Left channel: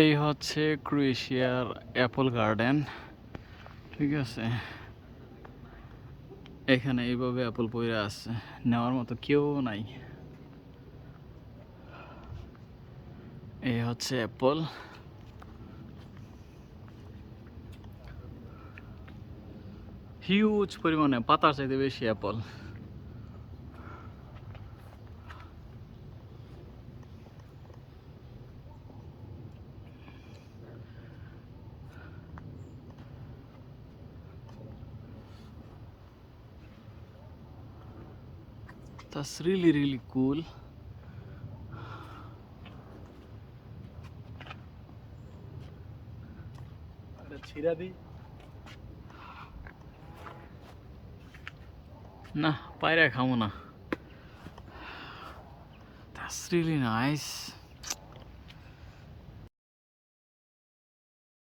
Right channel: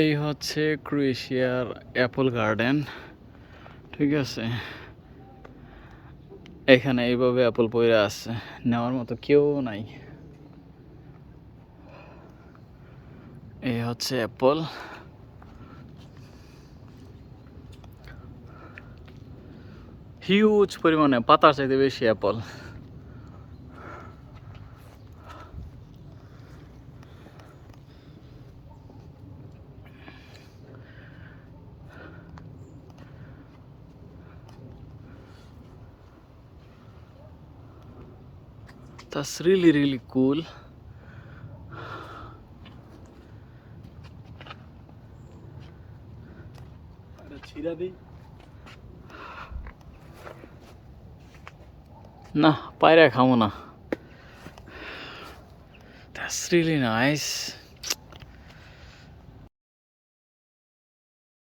এই হচ্ছে ক্রোয়েশিয়ার অ্যাপল গার্ডেন। ঠিক আছে, এখানে এইভাবে অ্যাপল পড়ে আছে, নেওয়ার মতো কেউ নাই। এই হচ্ছে অ্যাপল, হিউজ পরিমাণে, পাতার চাইতে বেশি অ্যাপল। That's really cool. না, পায়রা খামো না। That's really nice.